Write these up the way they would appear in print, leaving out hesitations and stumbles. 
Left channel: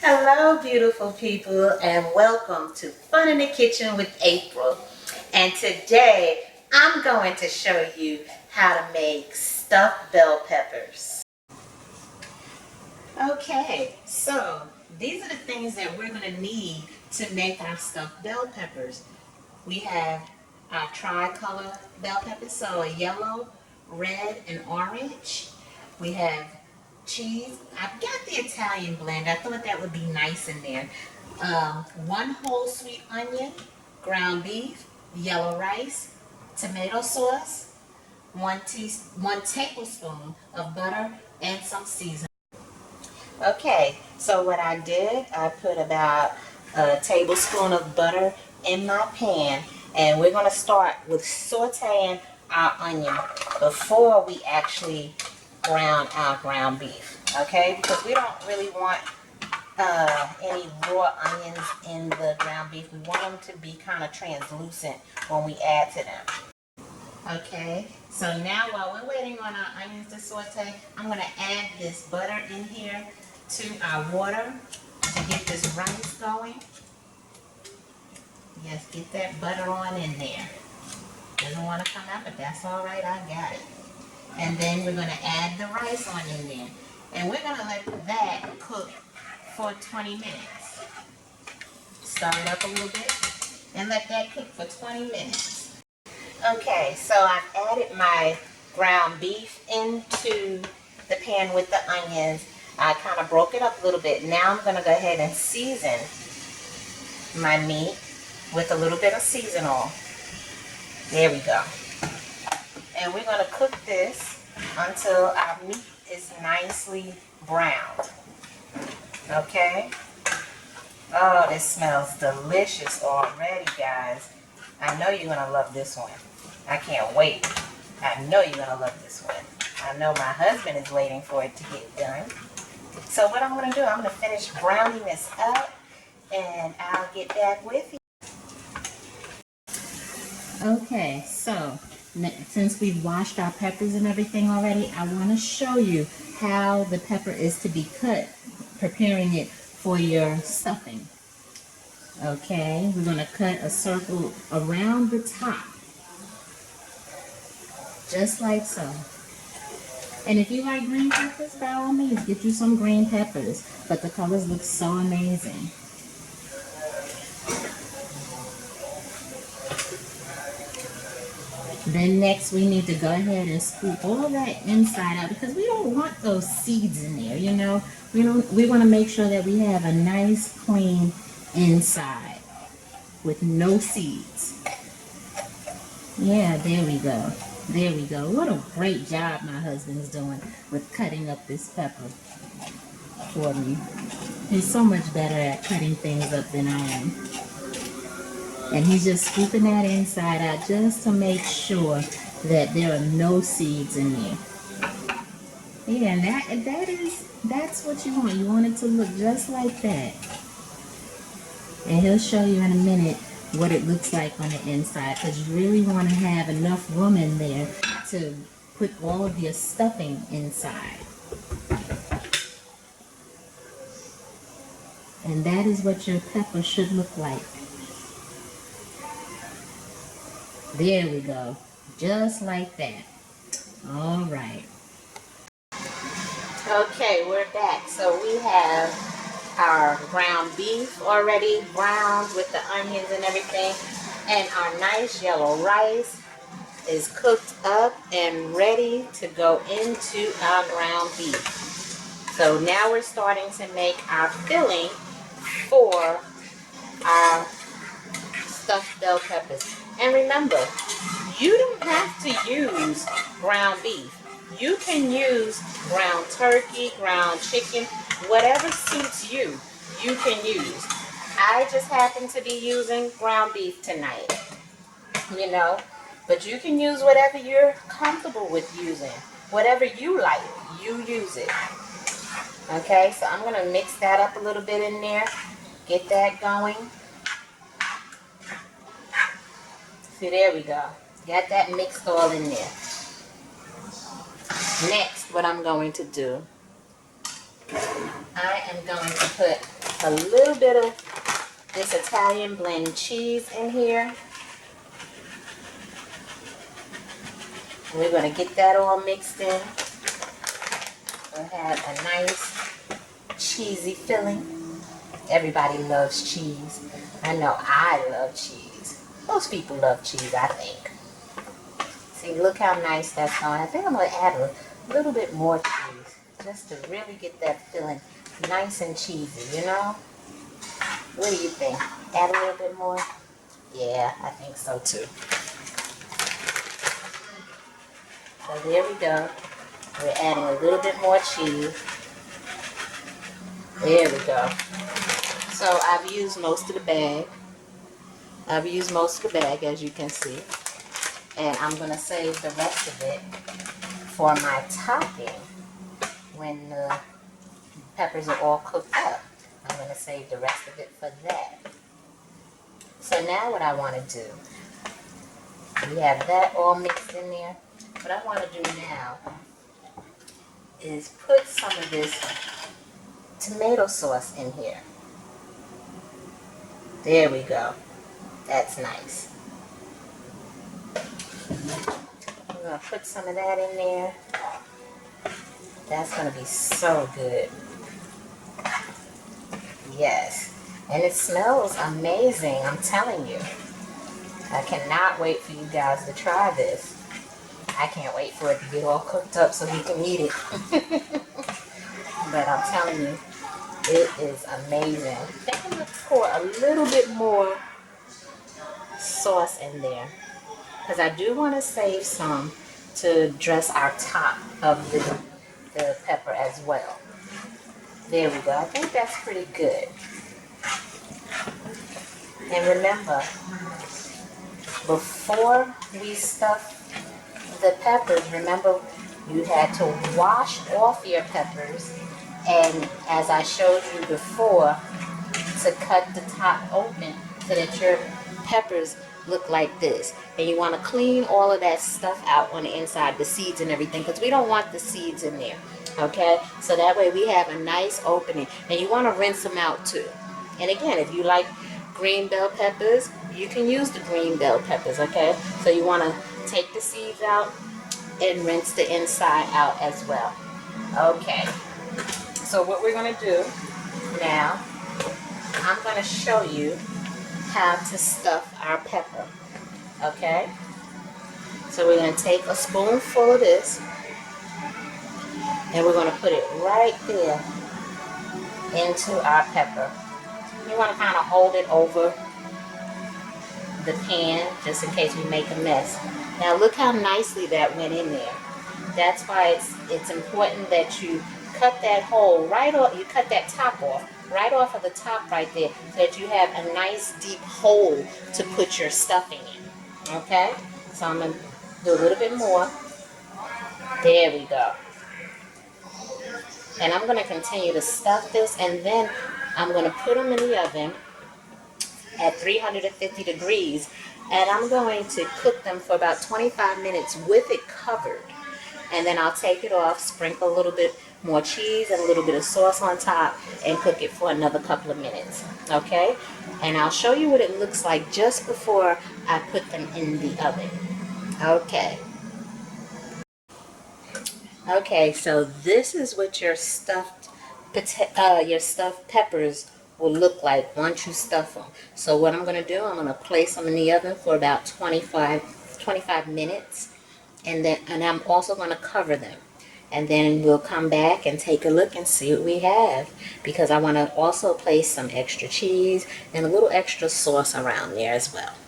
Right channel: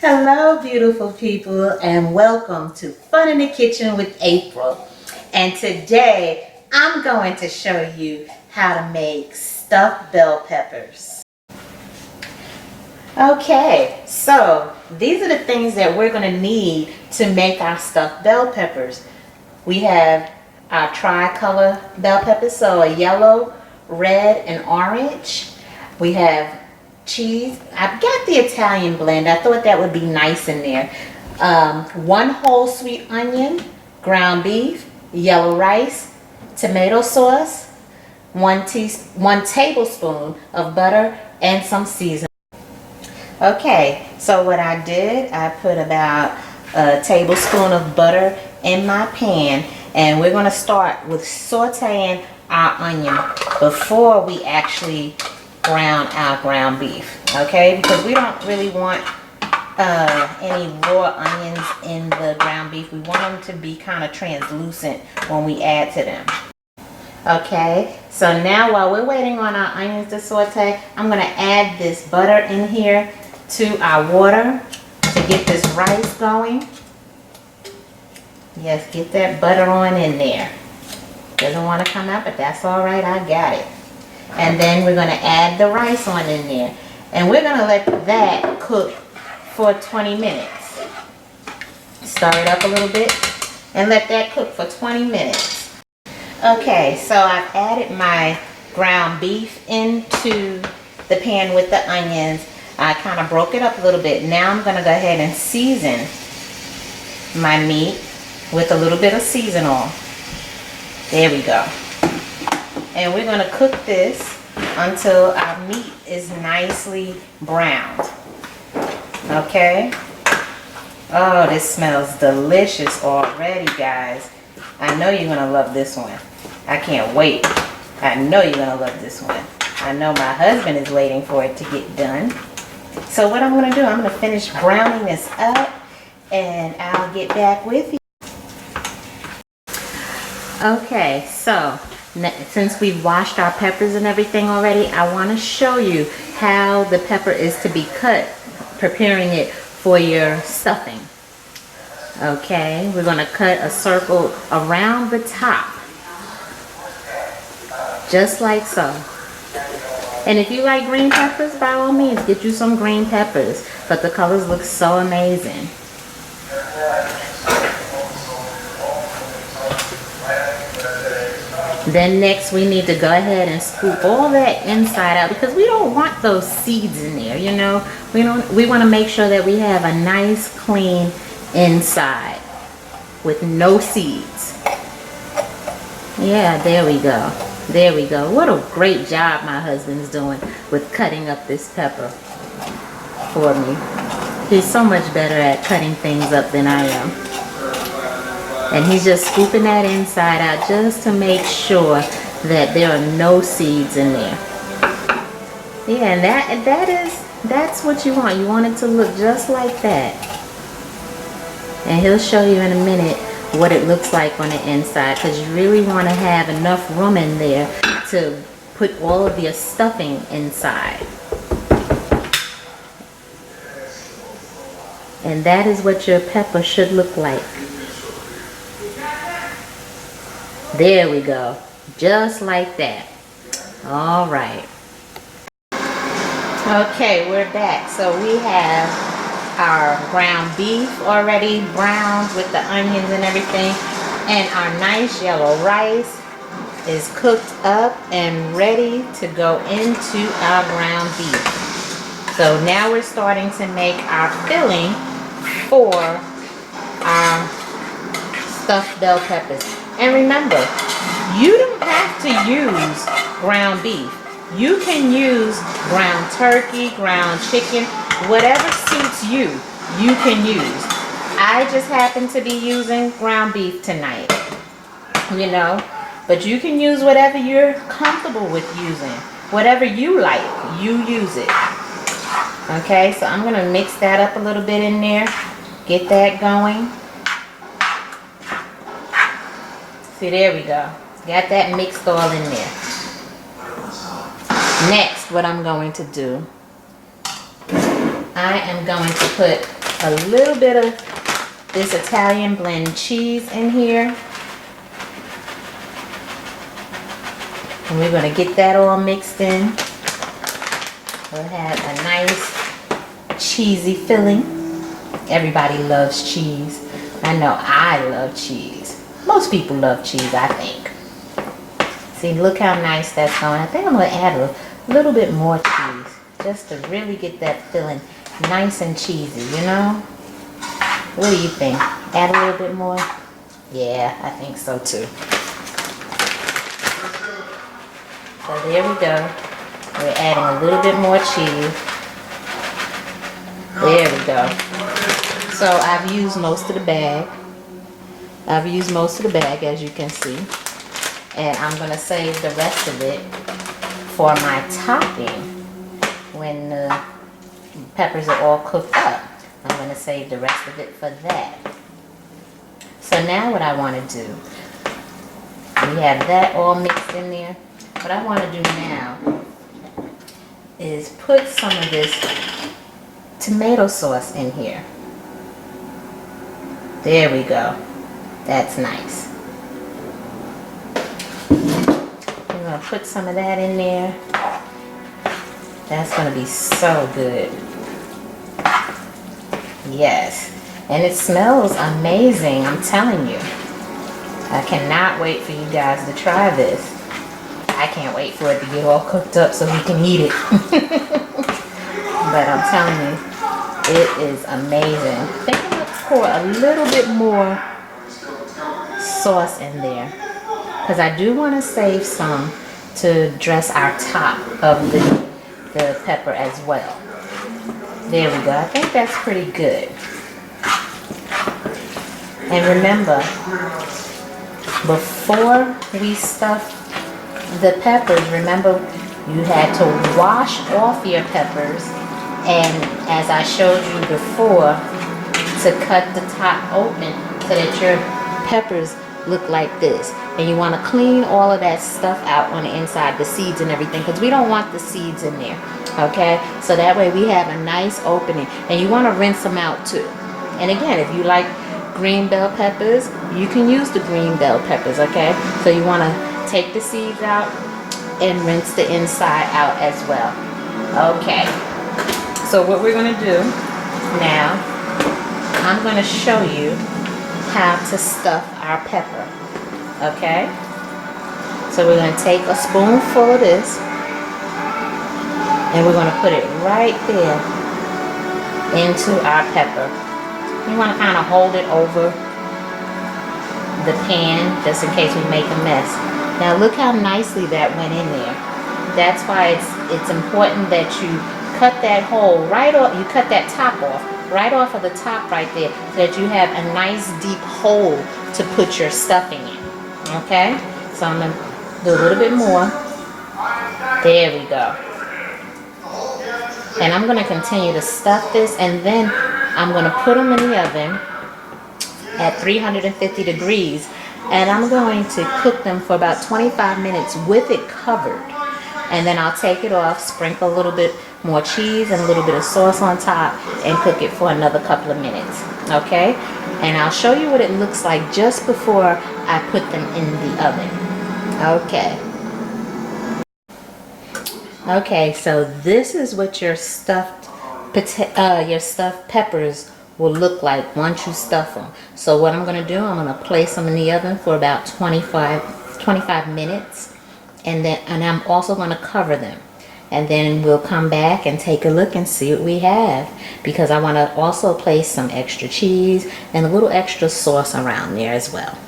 Hello, beautiful people, and welcome to Fun in the Kitchen with April. And today I'm going to show you how to make stuffed bell peppers. Okay, so these are the things that we're going to need to make our stuffed bell peppers. We have our tricolor bell peppers, so a yellow, red, and orange. We have cheese. I've got the Italian blend. I thought that would be nice in there. One whole sweet onion, ground beef, yellow rice, tomato sauce, one tablespoon of butter, and some seasoning. Okay, so what I did, I put about a tablespoon of butter in my pan, and we're going to start with sauteing our onion before we actually brown our ground beef, okay? Because we don't really want any raw onions in the ground beef. We want them to be kind of translucent when we add to them. Okay, so now while we're waiting on our onions to saute, I'm going to add this butter in here to our water to get this rice going. Yes, get that butter on in there. Doesn't want to come out, but that's all right, I got it. And then we're going to add the rice on in there. And we're going to let that cook for 20 minutes. Stir it up a little bit and let that cook for 20 minutes. Okay, so I've added my ground beef into the pan with the onions. I kind of broke it up a little bit. Now I'm going to go ahead and season my meat with a little bit of seasonal. There we go. And we're going to cook this until our meat is nicely browned. Okay? Oh, this smells delicious already, guys. I know you're going to love this one. I can't wait. I know you're going to love this one. I know my husband is waiting for it to get done. So what I'm going to do, I'm going to finish browning this up and I'll get back with you. Okay, so since we've washed our peppers and everything already, I want to show you how the pepper is to be cut, preparing it for your stuffing. Okay, we're going to cut a circle around the top, just like so. And if you like green peppers, by all means, get you some green peppers. But the colors look so amazing. Then next we need to go ahead and scoop all that inside out because we don't want those seeds in there, you know. We want to make sure that we have a nice clean inside with no seeds. Yeah, there we go. There we go. What a great job my husband's doing with cutting up this pepper for me. He's so much better at cutting things up than I am. And he's just scooping that inside out just to make sure that there are no seeds in there. Yeah, and that's what you want. You want it to look just like that. And he'll show you in a minute what it looks like on the inside, because you really want to have enough room in there to put all of your stuffing inside. And that is what your pepper should look like. There we go. Just like that. All right. Okay, we're back. So we have our ground beef already browned with the onions and everything. And our nice yellow rice is cooked up and ready to go into our ground beef. So now we're starting to make our filling for our stuffed bell peppers. And remember, you don't have to use ground beef. You can use ground turkey, ground chicken, whatever suits you, you can use. I just happen to be using ground beef tonight, you know. But you can use whatever you're comfortable with using. Whatever you like, you use it. Okay, so I'm going to mix that up a little bit in there. Get that going. See, there we go. Got that mixed all in there. Next, what I'm going to do, I am going to put a little bit of this Italian blend cheese in here. And we're going to get that all mixed in. We'll have a nice cheesy filling. Everybody loves cheese. I know I love cheese. Most people love cheese, I think. See, look how nice that's going. I think I'm going to add a little bit more cheese just to really get that filling nice and cheesy, you know? What do you think? Add a little bit more? Yeah, I think so too. So there we go. We're adding a little bit more cheese. There we go. So I've used most of the bag. As you can see. And I'm going to save the rest of it for my topping when the peppers are all cooked up. I'm going to save the rest of it for that. So now what I want to do, we have that all mixed in there. What I want to do now is put some of this tomato sauce in here. There we go. That's nice. I'm going to put some of that in there. That's going to be so good. Yes. And it smells amazing, I'm telling you. I cannot wait for you guys to try this. I can't wait for it to get all cooked up so we can eat it. But I'm telling you, it is amazing. I think I'm going to pour a little bit more sauce in there, because I do want to save some to dress our top of the pepper as well. There we go. I think that's pretty good. And remember, before we stuff the peppers, remember you had to wash off your peppers, and as I showed you before, to cut the top open so that your peppers look like this. And you want to clean all of that stuff out on the inside, the seeds and everything, because we don't want the seeds in there. Okay, so that way we have a nice opening. And you want to rinse them out too. And again, if you like green bell peppers, you can use the green bell peppers. Okay, so you want to take the seeds out and rinse the inside out as well. Okay, so what we're going to do now, I'm going to show you how to stuff our pepper. Okay, so we're going to take a spoonful of this and we're going to put it right there into our pepper. You want to kind of hold it over the pan just in case we make a mess. Now look how nicely that went in there. That's why it's important that you cut that hole right off. You cut that top off, right off of the top right there, so that you have a nice deep hole to put your stuffing in. Okay, so I'm going to do a little bit more. There we go. And I'm going to continue to stuff this, and then I'm going to put them in the oven at 350 degrees, and I'm going to cook them for about 25 minutes with it covered. And then I'll take it off, sprinkle a little bit more cheese and a little bit of sauce on top, and cook it for another couple of minutes. Okay, and I'll show you what it looks like just before I put them in the oven. Okay, so this is what your stuffed peppers will look like once you stuff them. So what I'm going to do, I'm going to place them in the oven for about 25 minutes, and I'm also going to cover them. And then we'll come back and take a look and see what we have, because I want to also place some extra cheese and a little extra sauce around there as well.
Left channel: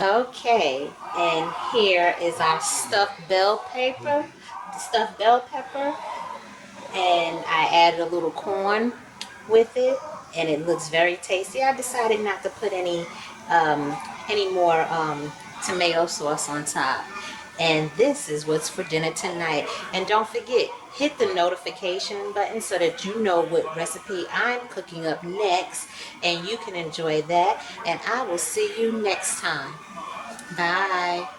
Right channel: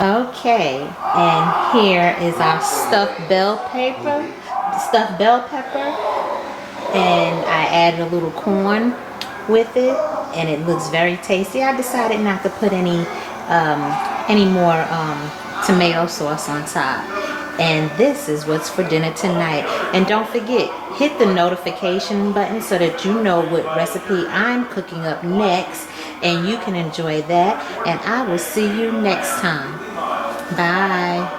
Okay, and here is our stuffed bell pepper, and I added a little corn with it, and it looks very tasty. I decided not to put any more tomato sauce on top. And this is what's for dinner tonight. And don't forget, hit the notification button so that you know what recipe I'm cooking up next, and you can enjoy that. And I will see you next time. Bye.